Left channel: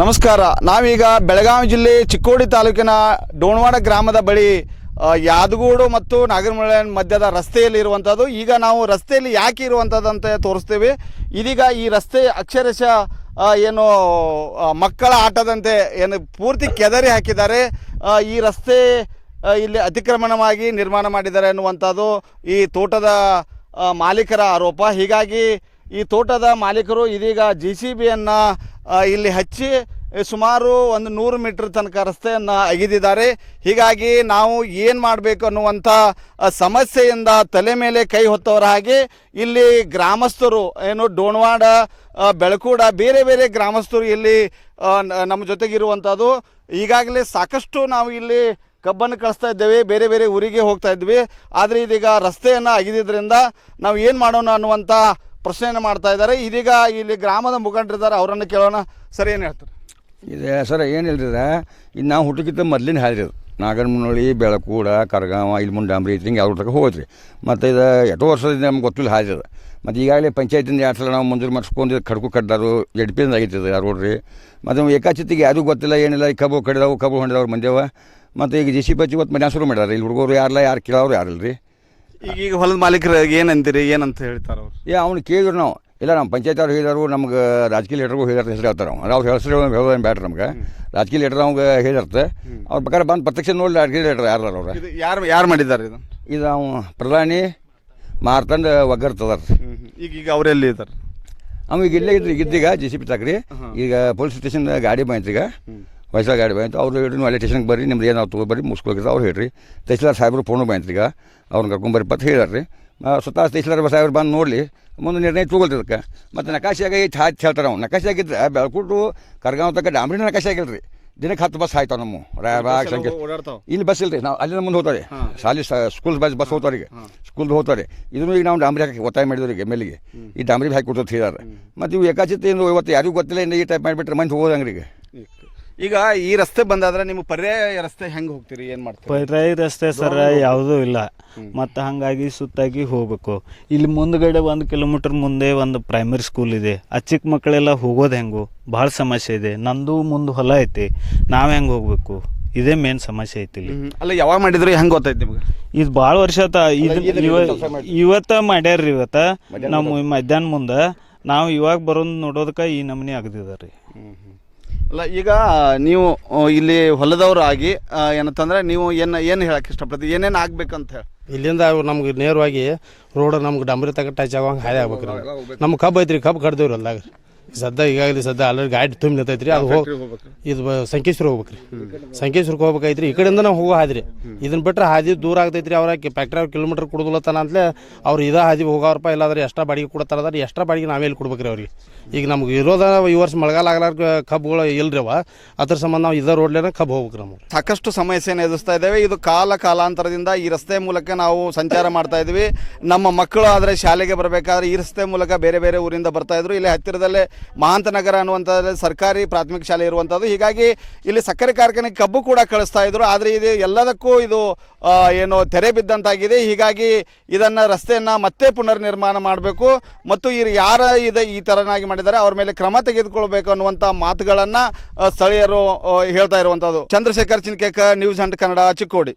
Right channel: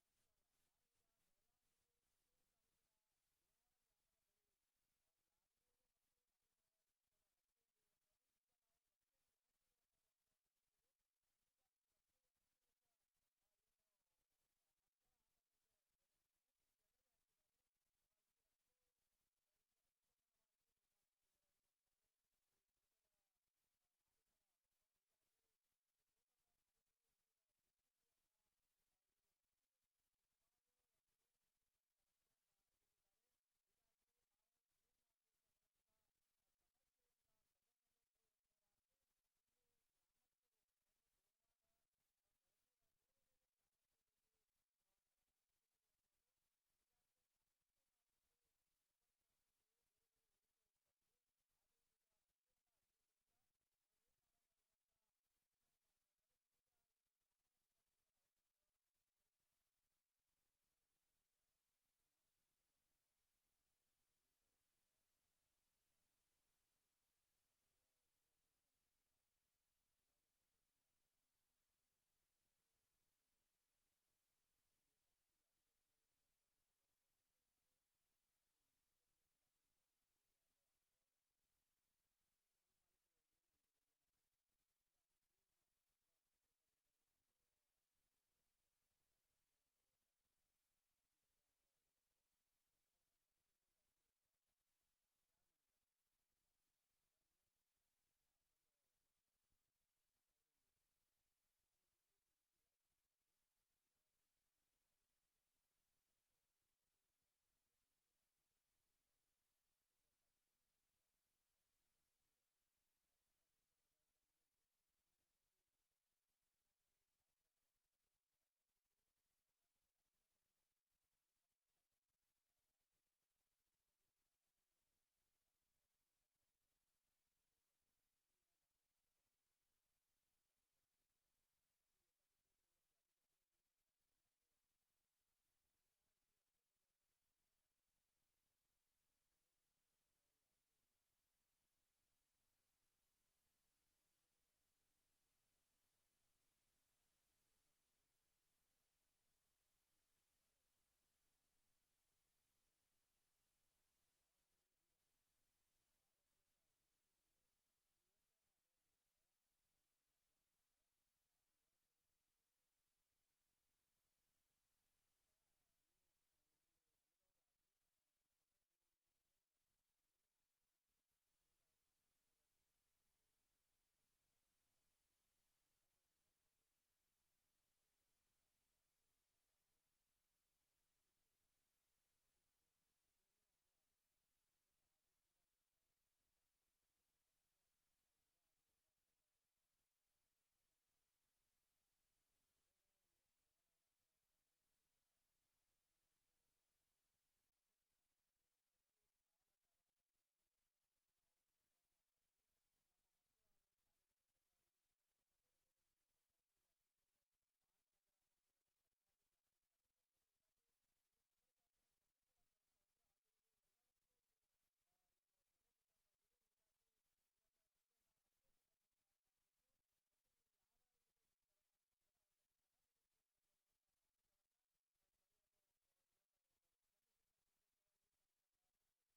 ನಮಸ್ಕಾರ. ನಾವೀಗ ಬೆಳಗಾವಿ ಜಿಲ್ಲೆ ಚಿಕ್ಕೋಡಿ ತಾಲೂಕಿನ ಡೋಣವಾಡ ಗ್ರಾಮದ ಬಳಿ ಯಾದಗೂಡು ಮತ್ತು ನಾಗರಮುಳೆ ಮಧ್ಯದ ರಸ್ತೆಯಲ್ಲಿ ಇರುವಂಥದ್ದು. ಈಗ ನಾವು ರಸ್ತೆಯಲ್ಲಿ ಯಾಕೆ ಇರುವಂಥದ್ದು ಅಂತ ತೋರಿಸ್ತೀವಿ. ಇದೀಗ ಈ ರಸ್ತೆ ಅಕ್ಷರಶಃ ಏನು ಮಕ್ಕಳ ಆಟದಂತೆ ಏನು ಪೂರ್ತಿ ಕೆದರಿ ಹಾಕಿದ್ದಾರೆ. ಈ ರಸ್ತೆ ಇಲ್ಲಿ ಅತಿಕ್ರಮಣವಾಗಿ ನಿರ್ಮಾಣ ಮಾಡಿದ್ದಾರೆ ಅನ್ನುವಂಥದ್ದು ಈ ತೋಟದ ಮಾಲೀಕರ ಆರೋಪ. ಹೀಗಾಗಿ ಈ ತೋಟದ ಮಾಲೀಕರು ಇದೀಗ JCBಯನ್ನು ಇಲ್ಲಿ ಹಚ್ಚಿ ಸುಮಾರು 100 ಮೀಟರ್ ತನಕ ರಸ್ತೆಯನ್ನು ಅಗೆದಿದ್ದಾರೆ. ಹೀಗಾಗಿ ನಾವು ಏನು ಮಾಡಬೇಕು ಅನ್ನುವಂಥ ಸಮಸ್ಯೆಯಿಂದ ತಲೆ ಮೇಲೆ ಕೈ ಹೊತ್ತವರ ಹಾಗೆ ಇಲ್ಲಿ ಗ್ರಾಮಸ್ಥರು ಏನು ಡೋಣವಾಡ, ಬೆಳಕೂಡ ಬೇರೆ ಬೇರೆ ಗ್ರಾಮಸ್ಥರು ಇಲ್ಲಿ ನಮ್ಮ ಜೊತೆಗಿರುವಂಥದ್ದು. ಈಗಾಗಲೇ ಸಾಕಷ್ಟು ನಾವು ಇಲ್ಲಿ ಕಬ್ಬನ್ನು ಕಳಿಸ್ತಾ ಇದ್ದೇವೆ, ಬೇರೆ ಬೇರೆ ಊರಿಗೆ ಹೋಗ್ತಾ ಇದ್ವಿ. ಆದರೆ ಇದೀಗ ರಸ್ತೆಯನ್ನು ಅಗೆದಿದ್ದರಿಂದ ನಾವು ಏನು ಮಾಡೋಣ ಅನ್ನುವಂಥ ಪ್ರಶ್ನೆಯನ್ನು ಮಾಡ್ತಾ ಇದ್ದಾರೆ. ಇದೀಗ ಇಲ್ಲಿ ಗ್ರಾಮದ ಮುಖಂಡರಿದ್ದಾರೆ, ಅವರನ್ನು ಕೇಳೋಣ. ಸರ್, ಏನು ಹೇಳ್ತಾರೆ? ಇದೆ ಸರ್, ಏನಿಲ್ರಿ ಇದು ನಾವು ಹುಟ್ಟಕ್ಕಿಂತ ಮೊದಲಿನ ಹಾದ್ರಿ ಅದು ನಾಗರಮುನ್ನೋಳಿ, ಬೆಳಕೂಡ, ಕರಗಾವ, ಇಲ್ಲಿ ಮುಂಡಾಂಬ್ರಿ ಹಿಂಗೆ ಯಾವ ತನಕ ಹೋಗ್ರಿ. ಮತ್ತು ಇದು ಎಷ್ಟೋ ವರ್ಷದಿಂದ ನಮ್ಗೆ ಗೊತ್ತಿಲ್ಲ ಹಾದ್ರಿ ಅದು. ಮತ್ತು ಈಗಾಗಲೇ ಪಂಚಾಯತಿಂದ 2 ಸಲ ನಾವು ಮಂಜೂರು ಮಾಡಿಸ್ಕೊಂಡು ಖಡ್ಕು ಕಡ್ದಾರು, JDP ಆಗೈತದ ರೋಡ್ರಿ. ಮತ್ತು ಏಕಾಚಿತಿಗೆ ಯಾರಿಗೂ ಗೊತ್ತಿಲ್ಲ, ಏನಿಲ್ಲ. ಈ ಕಬ್ಬು ಕಡಿದವು, ಕಬ್ಬು ಹೊಂಡಿದವ್ರು ಮಂದ್ಯವ. ಮತ್ತು ಈಗ JCB ಇವತ್ತು ಮನೆ ಶುರು ಮಾಡ್ಯಾರ. ಇಲ್ಲಿ ಹುಡುಗರು ಯಾರು ಕೇಳೋರು ಯಾರಿಲ್ಲ ರೀ. ಈಗ ಹೊಲದ ಮಾಲೀಕರು ಏನಂತೀರಿ, ಏನಂತ ಹೇಳ್ತಾರೆ ಅವ್ರು? ಅವ್ನು ಕೇಳಿದ್ರು ನಾವು ಇಲ್ಲ, ನಮ್ಮ ಪಂಚಾಯತ್ ಅವ್ರು ಹೇಳಿದಾರು, ನಮ್ಗೆ ರಾಜಕೀಯ ಲೀಡರ್ಗೂ ಹೇಳಿದಾರೆ, ಹೆಸರು ಹೇಳ್ತಾರೆ. ಅವ್ರ ಹೆಸರು ಹೇಳೋದೇನು ಬ್ಯಾಡ್ರಿ ನಮ್ಗೆ. ರಾಜಕೀಯ ಲೀಡರ್ ನಮ್ಗೆ ಹೇಳಿರ್ತೆ. ಅವ್ರ ಬೇಕಾದ್ರೆ ಬಂದು ಪ್ರತ್ಯಕ್ಷ ನೋಡಿ ರಾಜಕೀಯ ಲೀಡರ್ ಯಾರು ಅವ್ರು ಯಾರು ಮಾಡಿದ್ದಾರೆ ಇದು ಅವ ಪ್ರಧಾನಿ ಮಾರ್ತಂದು ಒಗ್ಗರ್ತದಾರ. ಈಗ ಅವರೆಲ್ಲಿ ಇದ್ದಾರೆ? ಅವ ಈಗ ಇಲ್ಲೇ ಇದ್ರಿ, ಇದ್ದೀಗ JCB ತಾಕ್ರಿ. ಈಗ ಪೊಲೀಸ್ ಸ್ಟೇಷನ್ ಗಾಡಿ ಬಂತು, ಈಗ ಹೊಸ ಗಾಡಿ ಬಂತು. ಅವ್ರು ಹೇಳಿ ಅಲ್ಲಿ ಸ್ಟೇಷನ್ಗೆ ಬರ್ರಿ, ನಿಮ್ದು ಏನು ನಾವು ಬರ್ರಿ ಮುಗಿಸ್ಕೊಳ್ರಿ ಅವ್ರು ಹೇಳ್ರಿ. ತಹಸೀಲ್ದಾರ್ ಸಾಹೇಬರು ಫೋನು ಬಂತು, ಈಗ ಅವ್ರನ್ನ ಕರ್ಕೊಂಬರ್ರಿ ಪತ್ತು ಹೇಳ್ರಿ. ಸ್ವತಃ ತಹಸೀಲ್ದಾರ್ ಸಾಹೇಬ್ರು ಬಂದು ನೋಡಲಿ, ಮುಂದೆ ನಿರ್ಣಯ ತೊಗೊಳ್ರಿ. ಅದಕ್ಕೆ ಮತ್ತು ನಕಾಶೆ ಆಗೈತೆ ಹೇಳ್ತಾರೆ. ಅವ್ನು ನಕಾಶೆ ಆಗಿದ್ರೆ ಬೆಳಕೂಟು ಕರ್ಗಾವ್ ತಕ್ಕ ಡಾಂಬ್ರಿನ ನಕಾಶೆ ಆಗಿಲ್ಲ ರೀ. ದಿನಕ್ಕೆ 10 ಬಸ್ ಆಯ್ತಾವೆ ನಮ್ಮ ರಾಯಬಾಗ್ ಸಂಖ್ಯೆ. ಇಲ್ಲಿ ಬಸ್ ಇಲ್ಲ ರೀ, ನಾವು ಅಲ್ಲಿಂದ ಮುಂದೆ ಹೋಗ್ತಾರೆ. ಶಾಲೆ ಸ್ಕೂಲ್ ಬಸ್ ಹೋಗ್ತಾರೆ, ಈಗ ಸ್ಕೂಲ್ದು ಹೋಗ್ತಾರೆ. ಇದನ್ನು ಈಗ ನಾವು ಡಾಂಬ್ರಿ ಹಾಕಿ ಒತ್ತಾಯ ಮಾಡಿದ್ರಿ MLA ಈ ಡಾಂಬ್ರಿ ಹಾಕಿ ಕೊಡ್ತದೆ ಹೇಳಿದಾರೆ. ಮತ್ತು ಇವು ಏಕಾಚಿತೆಯಿಂದ ಇವತ್ತು ಯಾರಿಗೂ ಗೊತ್ತಿಲ್ಲ, ಇನ್ನು ಈ ಟೈಪ್ ಮಾಡಿಬಿಟ್ರೆ ಮಂದಿ ಹೋಗೋದಂಗ್ರಿ. ಈಗ ಈ ರಸ್ತೆ ಬಂದಾದ್ರೆ ನೀವು ಪರ್ಯಾಯ ರಸ್ತೆ ಹೆಂಗೆ ಹೋಗ್ತೀರಿ, ಏನು ಮಾಡ್ತೀರಿ? ಪರ್ಯಾಯ ರಸ್ತೆ ಸರ್ ಯಾವುದೂ ಇಲ್ಲ. ಮತ್ತು ಹಾಗಾಗಿ ಸುತ್ತಾಗಿ ಹೋಗ್ಬೇಕು. ಇಲ್ಲಿ ಮುಂದ್ಗಡೆ 1 ಕಿಲೋಮೀಟರ್ ಮುಂದೆ ಒಂದು ಪ್ರೈಮರಿ ಸ್ಕೂಲ್ ಇದೆ. ಆ ಚಿಕ್ಕ ಮಕ್ಕಳೆಲ್ಲ ಹೋಗೋದು ಹೆಂಗು ಭಾಳ ಸಮಸ್ಯೆ ಇದೆ. ನಂದು ಮುಂದೆ ಹೊಲ ಐತಿ, ನಾವು ಹೆಂಗೆ ಹೋಗ್ಬೇಕು? ಇದೇ ಮೇನ್ ಸಮಸ್ಯೆ ಐತಿ ಇಲ್ಲಿ. ಅಲ್ಲ, ಯಾವಾಗ ಮಾಡಿದ್ರು ಹೆಂಗೆ ಗೊತ್ತೈತಿ ನಿಮ್ಗೆ? ಇದು ಭಾಳ ವರ್ಷ ಆತ. ಇವತ್ತ ಮಾಡ್ಯಾರ್ರಿ. ನಮ್ಮ ಮಧ್ಯಾಹ್ನ ಮುಂದೆ ನಾವು ಇವಾಗ ಬರೋದು ನೋಡೋದಕ್ಕೆ ಈ ನಮೂನಿ ಆಗದಿದ್ದಾರೆ ರೀ. ಅಲ್ಲ, ಈಗ ನೀವು ಇಲ್ಲಿ ಹೊಲದವರು ಆಗಿ ಏನಂತಂದ್ರೆ ನೀವು ಏನು ಹೇಳಕ್ಕೆ ಇಷ್ಟಪಡ್ತೀವಿ, ಏನೇನು ಆಗ್ಬೇಕಂತ ಹೇಳಿ? ಇಲ್ಲಿಂದ ನಮ್ಗೆ ನೇರವಾಗಿ ರೋಡ್ ನಮ್ಗೆ ಡಂಬರಿ ತಗ ಟಚ್ ಆಗೋಂಗೆ ಹಾದಿ ಆಗ್ಬೇಕು ರೀ. ನಮ್ಮ ಕಬ್ಬು ಐತ್ರಿ, ಕಬ್ಬು ಕಡ್ದೇವ್ರಿ ಹೊಲ್ದಾಗ. ಈಗಾಗಲೇ ಆಲ್ರೆಡಿ ಗಾಡಿ ತುಂಬ ನಿಂತೈತ್ರಿ. ಅದು ಇದು ಸಂಕೇಶ್ವರ ಹೋಗ್ಬೇಕ್ರಿ. ಸಂಕೇಶ್ವರಕ್ಕೆ ಹೋಗ್ಬೇಕೈತ್ರಿ. ಈ ಕಡೆಯಿಂದ ನಾವು ಹೋಗೋ ಹಾದಿ ರೀ. ಇದನ್ನ ಬಿಟ್ಟರೆ ಹಾದಿ ದೂರ ಆಗ್ತೈತ್ರಿ. ಅವ್ರ ಫ್ಯಾಕ್ಟ್ರಿ ಅವ್ರು ಕಿಲೋಮೀಟರ್ ಕೊಡೋದಿಲ್ಲತ್ತಾನ ಅಂತಲೇ ಅವ್ರು ಇದೇ ಹಾದಿ ಹೋಗೋರಪ್ಪ. ಇಲ್ಲಾದ್ರೆ ಎಕ್ಸ್ಟ್ರಾ ಬಾಡಿಗೆ ಕೊಡ್ತಾರದಾರ. ಎಕ್ಸ್ಟ್ರಾ ಬಾಡಿಗೆ ನಾವೇಲಿ ಕೊಡ್ಬೇಕ್ರಿ ಅವ್ರಿಗೆ. ಈಗ ನಮ್ಗೆ ಇರೋದ ಈ ವರ್ಷ ಮಳೆಗಾಲ ಆಗ್ಲಾರ ಕಬ್ಬುಗಳು ಇಲ್ರಿ ಅವ. ಅದ್ರ ಸಂಬಂಧ ನಾವು ಇದೇ ರೋಡ್ಲೇನ ಕಬ್ಬು ಹೋಗ್ಬೇಕ್ರಿ. ನಮ್ಗೆ ಸಾಕಷ್ಟು ಸಮಸ್ಯೆಯನ್ನು ಎದುರಿಸ್ತಾ ಇದ್ದೇವೆ. ಇದು ಕಾಲಾಂತರದಿಂದ ಈ ರಸ್ತೆ ಮೂಲಕ ನಾವು ಸಂಚಾರ ಮಾಡ್ತಾ ಇದ್ವಿ. ನಮ್ಮ ಮಕ್ಕಳು ಆದರೆ ಶಾಲೆಗೆ ಬರಬೇಕಾದ್ರೆ ಈ ರಸ್ತೆ ಮೂಲಕ ಬೇರೆ ಬೇರೆ ಊರಿಂದ ಬರ್ತಾ ಇದ್ರು. ಇಲ್ಲಿ ಹತ್ತಿರದಲ್ಲೇ ಮಹಾಂತನಗರ ಅನ್ನುವಂಥದ್ದು ಸರ್ಕಾರಿ ಪ್ರಾಥಮಿಕ ಶಾಲೆ ಇರುವಂಥದ್ದು. ಹೀಗಾಗಿ ಇಲ್ಲಿ ಸಕ್ಕರೆ ಕಾರ್ಖಾನೆಗೆ ಕಬ್ಬು ಕೂಡ ಕಳಿಸ್ತಾ ಇದ್ರು. ಆದರೆ ಇದು ಎಲ್ಲದಕ್ಕೂ ಇದು ಏನು ತೆರೆ ಬಿದ್ದಂತಾಗಿದೆ. ಹೀಗಾಗಿ ಇದನ್ನು ರಸ್ತೆಯನ್ನು ಮತ್ತೆ ಪುನರ್ ನಿರ್ಮಾಣ ಮಾಡಬೇಕು ಮತ್ತು ಯಾರು ಈ ಥರನಾಗಿ ಮಾಡಿದ್ದಾರೆ ಅವ್ರ ಮೇಲೆ ಕ್ರಮ ತೆಗೆದುಕೊಳ್ಬೇಕು ಅನ್ನುವಂಥ ಮಾತುಗಳನ್ನು ಸ್ಥಳೀಯರು ಹೇಳ್ತಾ ಇರುವಂಥದ್ದು. ಚಂದ್ರಶೇಖರ್ ಚಿನ್ಕೇಕರ್, ನ್ಯೂಸ್ 1 ಕನ್ನಡ, ಚಿಕ್ಕೋಡಿ.